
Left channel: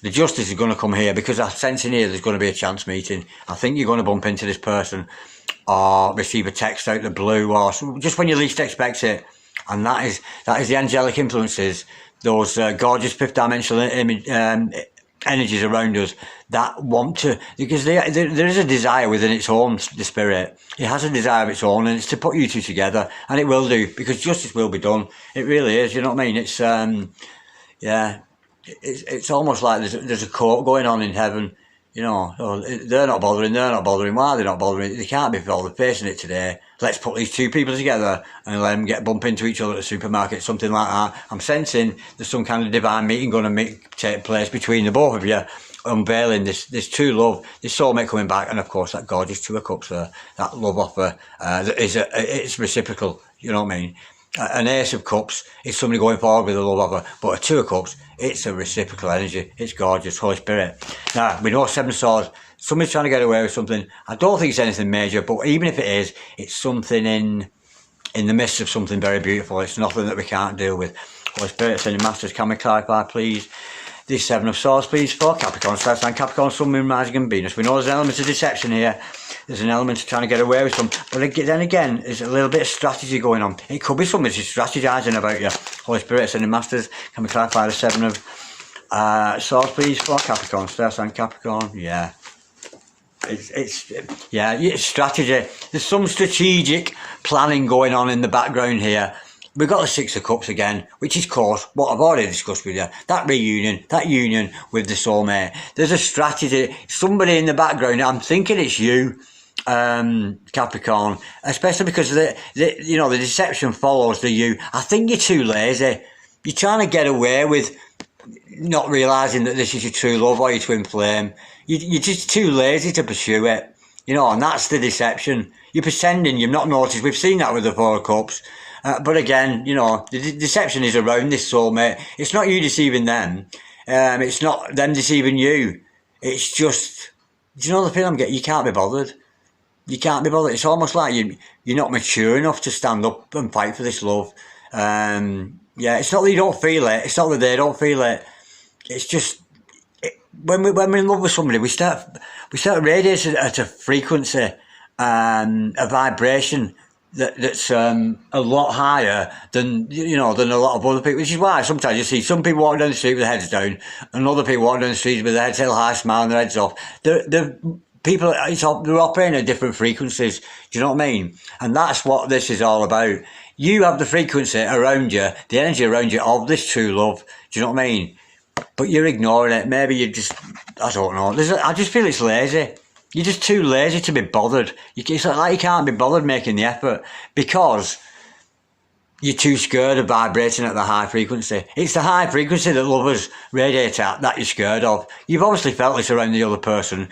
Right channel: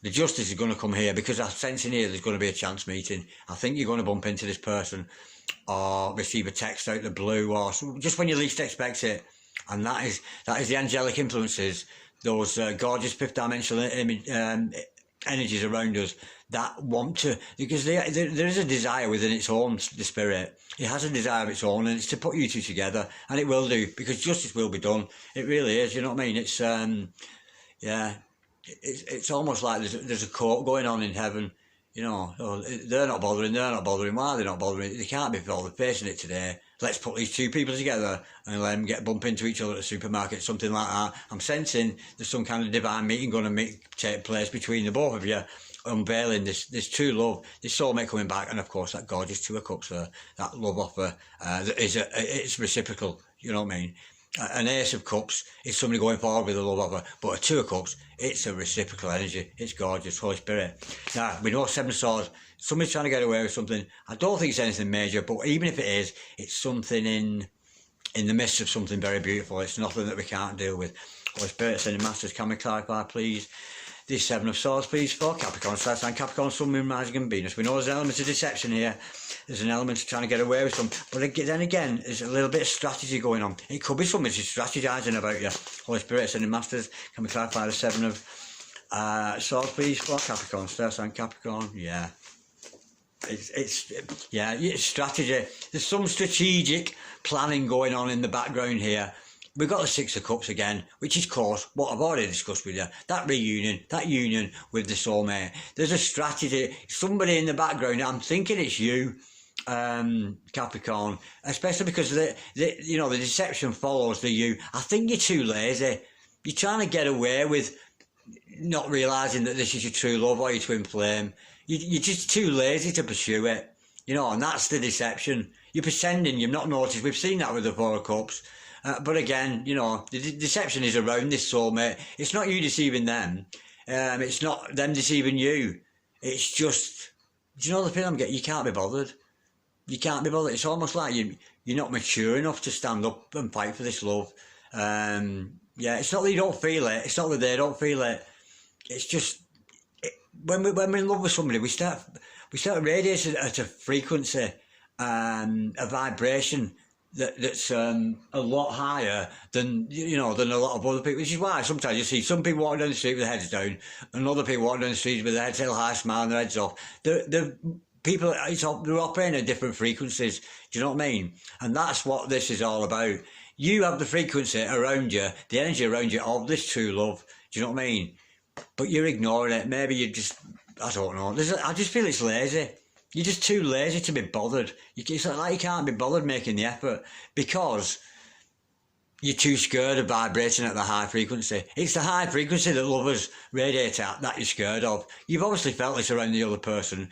The justice is going to come here because I'm sensing here there's going to be a chance meeting. I think you're going to bump into this person or receive a text out the blue, or just when you least expect it. And that is the angelic influences, those gorgeous fifth dimensional energies around us that want to, because there is a desire within its own, the spirit. It has a desire of its own, and it's to put you two together, and it will do, because justice will be done. It really is, you know what I mean? It's, yeah, it's almost like there's a court going on in heaven. You know, oh, they're not bothering. Why are they not bothering? They can't be bothered facing it today. Let's put these two people together and let them bump into each other at the supermarket, something like that. I'm sensing there's some kind of divine meeting going to take place between the both of you, unveiling this true love, this soulmate coming back, and of course that gorgeous Two of Cups there, that love offer it's reciprocal. You know what I mean? An Ace of Cups is somebody going forward with a love offer, but a Two of Cups, it's a reciprocal energy. It's gorgeous, Holy Spirit. Now, we know Seven of Swords. Somebody's trying to get away with something. I don't think it's anything major, but even if it is, it's something in the midst of something very beautiful. It's nothing that we can't deal with. Holy Spirit, sending masters, can we clarify, please? The Seven of Swords, please, for Capricorn, Star Sign, Capricorn, Sun, Moon, Rising, and Venus. We know there's an element of deception here. There's an element of trying to get away with something. But then again, there's a little bit of strategy going on. It could be somebody who's strategizing about you. Holy Spirit, sending masters, can we clarify the Seven of Swords, please, for Capricorn, Star Sign, Capricorn? Yeah. It's strategy. There's some strategic planning going on in the background here. We've got the Six of Cups again, which is, of course, what I've already discussed with you. That reunion, that union with the soulmate. There's a strategy. Somebody in the background, I'm thinking it's you, Capricorn, especially because the deception follows the you. I think you're too lazy. You're trying to get away with not realising that this is your true love or your twin flame. You're just too lazy to pursue it, you know, and that's the deception. You're pretending you've not noticed. We've seen that with the Four of Cups. But again, you know, the deception is around this soulmate. It's not you deceiving them. It's not them deceiving you. It's just, do you know the feeling I'm getting? You can't be bothered. You can't be bothered. It's almost like you're not mature enough to stand up and fight for this love. It's not that you don't feel it. It's not that they don't feel it. It's just, when we're in love with somebody, we start radiating at a frequency, a vibration that's a lot higher than a lot of other people. Which is why sometimes you see some people walking down the street with their heads down, and other people walking down the street with their heads held high, smiling their heads off. The people, they're operating at different frequencies. Do you know what I mean? And that's what this is all about. You have the frequency around you, the energy around you of this true love. Do you know what I mean? But you're ignoring it. Maybe you just, I don't know. I just feel it's lazy. You're just too lazy to be bothered. It's like you can't be bothered making the effort because you're too scared of vibrating at the high frequency. It's the high frequency that lovers radiate at that you're scared of. You've obviously felt this around the other person,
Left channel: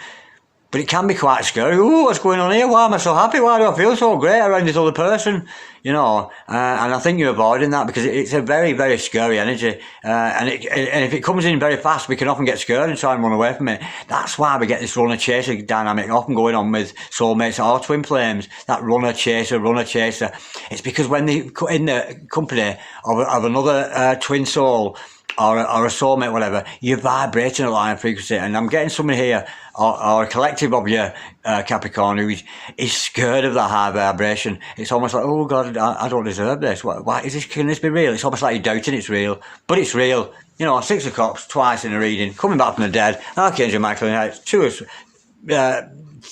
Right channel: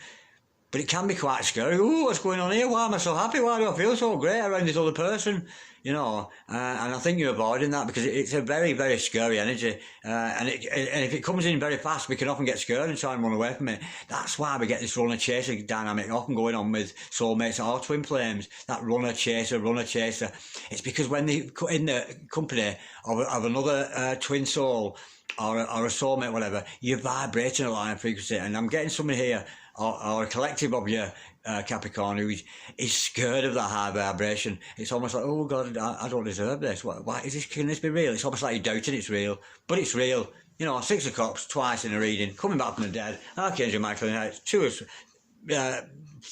but it can be quite scary. Oh, what's going on here? Why am I so happy? Why do I feel so great around this other person? You know, and I think you're avoiding that because it's a very, very scary energy. And if it comes in very fast, we can often get scared and try and run away from it. That's why we get this runner-chaser dynamic often going on with soulmates or twin flames. That runner-chaser. It's because when they in the company of another twin soul or a soulmate, whatever, you're vibrating at a high frequency. And I'm getting someone here, or a collective of you, Capricorn, who is scared of that high vibration. It's almost like, oh God, I don't deserve this. Why is this? Can this be real? It's almost like you're doubting it's real, but it's real. You know, Six of Cups twice in a reading, coming back from the dead. Archangel Michael,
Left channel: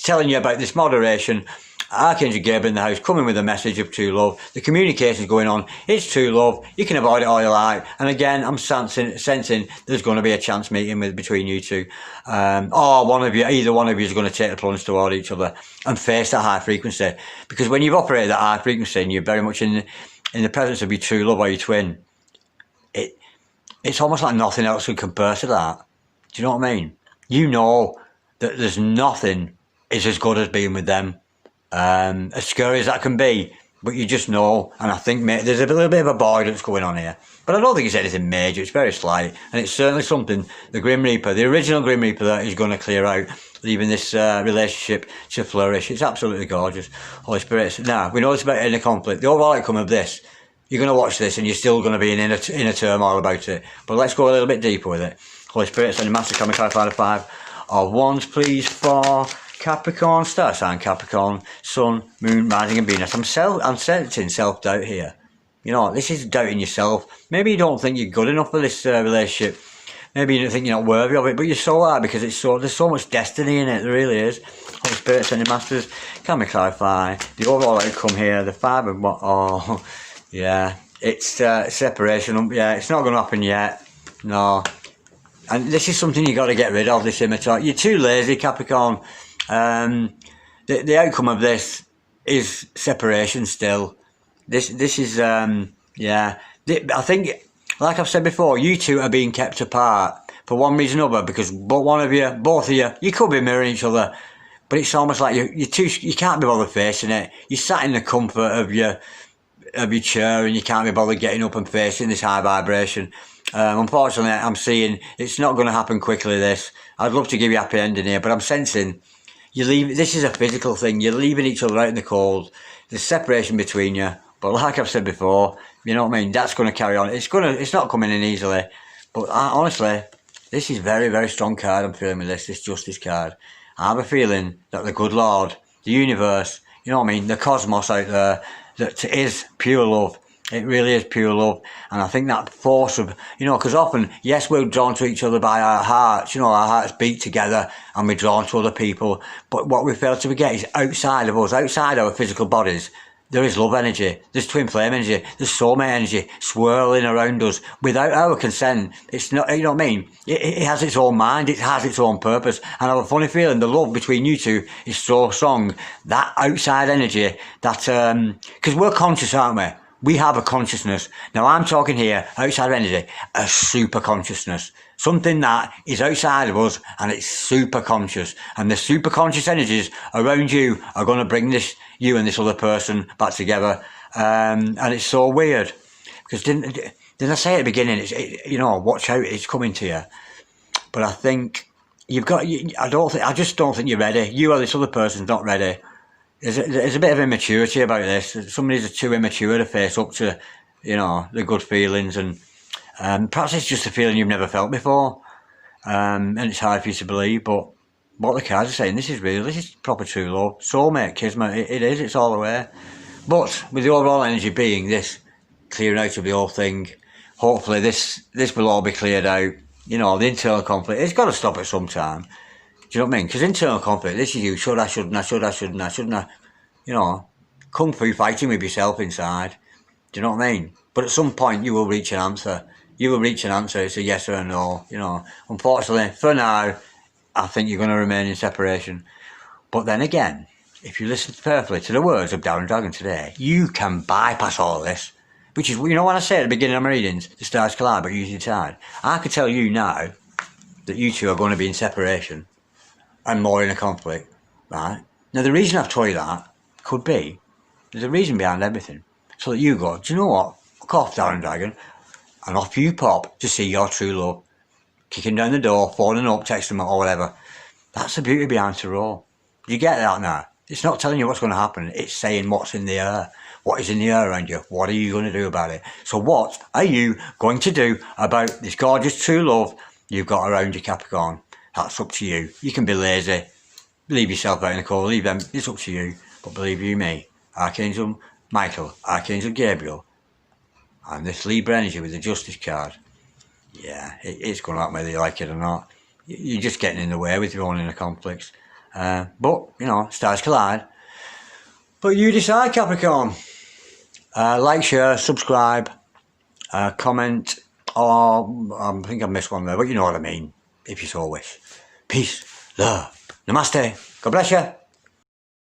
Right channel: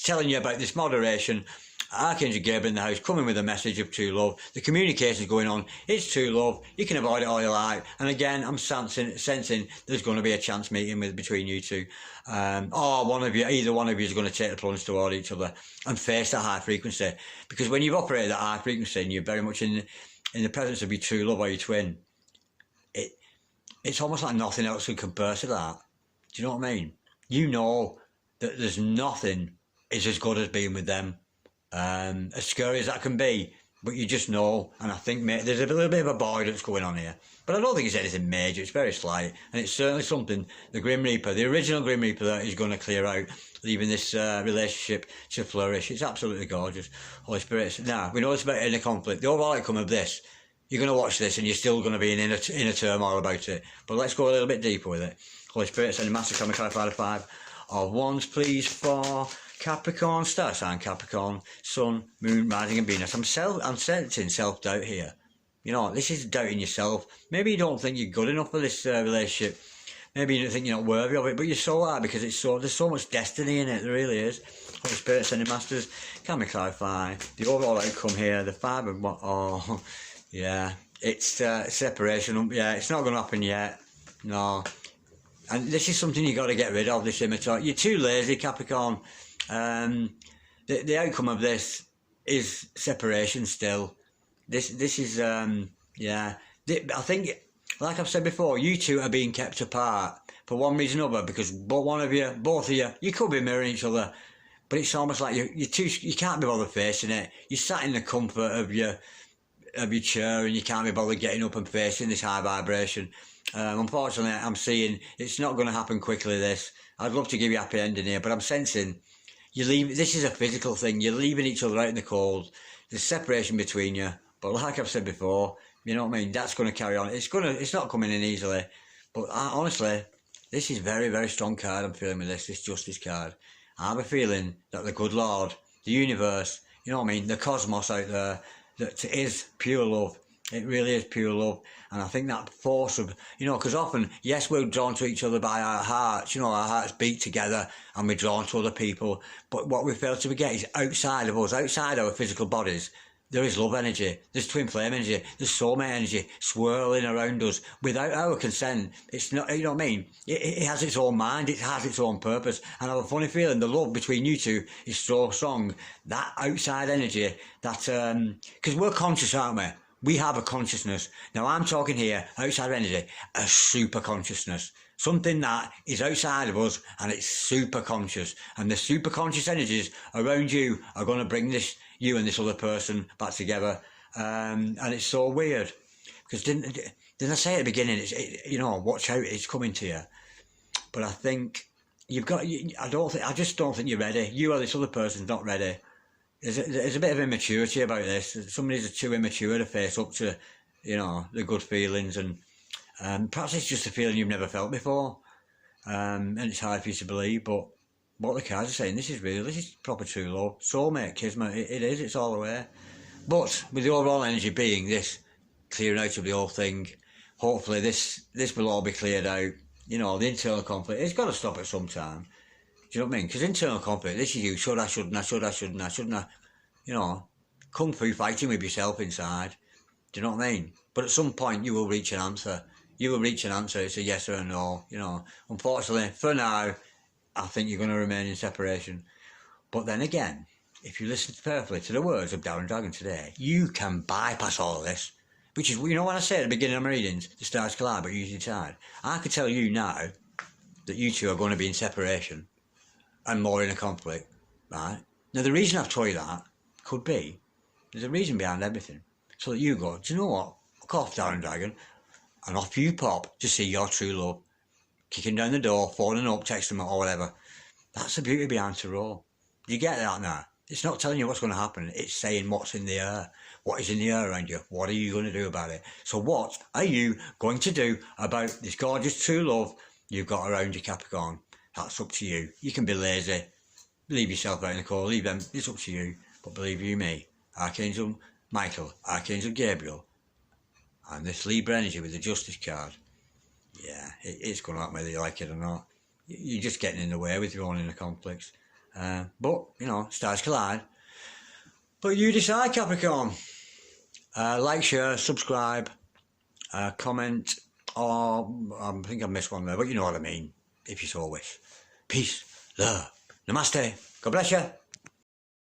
telling you about this moderation Archangel Gabriel in the house, coming with a message of true love. The communication's going on. It's true love. You can avoid it all you like. And again, I'm sensing there's going to be a chance meeting between you two. Or one of you, either one of you is going to take the plunge toward each other and face that high frequency. Because when you've operated that high frequency and you're very much in the presence of your true love or your twin, it's almost like nothing else can compare to that. Do you know what I mean? You know that there's nothing is as good as being with them. As scary as that can be, but you just know, and I think there's a little bit of a avoidance going on here, but I don't think it's anything major. It's very slight, and it's certainly something the Grim Reaper, the original Grim Reaper, that is going to clear out, leaving this relationship to flourish. It's absolutely gorgeous. Holy Spirit. Now, we know it's about inner conflict. The overall outcome of this, you're going to watch this and you're still going to be in inner turmoil about it, but let's go a little bit deeper with it. Holy Spirit, send a master coming clarify the 5 of Wands, please, for Capricorn, star sign Capricorn, Sun, Moon, Rising and Venus. I'm sensing self-doubt here. You know, this is doubting yourself. Maybe you don't think you're good enough for this relationship. Maybe you don't think you're not worthy of it, but you so are, because there's so much destiny in it. There really is. Holy Spirit, sending masters, can we clarify the overall outcome here? The 5 of what? Oh, yeah, it's separation. Yeah, it's not going to happen yet. No. And this is something you got to get rid of, this immature. You're too lazy, Capricorn. The outcome of this is separation still. This is, yeah. I think, like I've said before, you two are being kept apart for one reason or another, because both of you could be mirroring each other, but it's almost like you can't be bothered facing it. You're sat in the comfort of your chair and you can't be bothered getting up and facing this high vibration. Unfortunately, I'm seeing it's not going to happen quickly, this. I'd love to give you a happy ending here, but I'm sensing this is a physical thing. You're leaving each other out in the cold. There's separation between you. But like I've said before, you know what I mean? That's going to carry on. It's not coming in easily. But honestly, this is very, very strong card I'm feeling with this Justice card. I have a feeling that the good Lord, the universe, you know what I mean? The cosmos out there, that is pure love. It really is pure love. And I think that force of, you know, because often, yes, we're drawn to each other by our hearts. You know, our hearts beat together and we're drawn to other people. But what we fail to forget is outside of us, outside our physical bodies, there is love energy, there's twin flame energy, there's soulmate energy swirling around us without our consent. It's not, you know what I mean? It has its own mind, it has its own purpose. And I have a funny feeling the love between you two is so strong. That outside energy, that, because we're conscious, aren't we? We have a consciousness. Now I'm talking here, outside of energy, a super consciousness. Something that is outside of us and it's super conscious. And the super conscious energies around you are going to bring you and this other person back together. And it's so weird. Because didn't I say at the beginning, you know, watch out, it's coming to you. But I think I just don't think you're ready. You or this other person's not ready. There's a bit of immaturity about this. Somebody's too immature to face up to, you know, the good feelings, and perhaps it's just a feeling you've never felt before, and it's hard for you to believe. But what the cards are saying, this is proper true love, soulmate, kismet. It is. It's all the way. But with the overall energy being this clearing out of the whole thing, hopefully this will all be cleared out. You know, the internal conflict, it's got to stop at some time. Do you know what I mean? Because internal conflict, this is you, shouldn't I? You know, kung fu fighting with yourself inside. Do you know what I mean? But at some point you will reach an answer. You will reach an answer, it's a yes or a no, you know. Unfortunately, for now, I think you're going to remain in separation. But then again, if you listen carefully to the words of Darren Dragon today, you can bypass all this. Which is, you know, when I say at the beginning of my readings, the stars collide but usually decide. I can tell you now that you two are going to be in separation and more in a conflict, right? Now, the reason I've told you that could be, there's a reason behind everything. So that you go, do you know what? Fuck off, Darren Dragon. And off you pop to see your true love. Kicking down the door, phoning up, texting them or whatever. That's the beauty behind tarot. Do you get that now? It's not telling you what's going to happen. It's saying what's in the air. What is in the air around you? What are you going to do about it? So what are you going to do about this gorgeous true love you've got around you, Capricorn? That's up to you. You can be lazy. Leave yourself out in the cold. Leave them. It's up to you. But believe you me, Archangel Michael, Archangel Gabriel, and this Libra energy with the Justice card, yeah, it's going to happen whether you like it or not. You're just getting in the way with your own inner conflicts. But, you know, stars collide. But you decide, Capricorn. Like, share, subscribe, comment, or I think I missed one there, but you know what I mean, if you so wish. Peace, love, namaste, God bless you.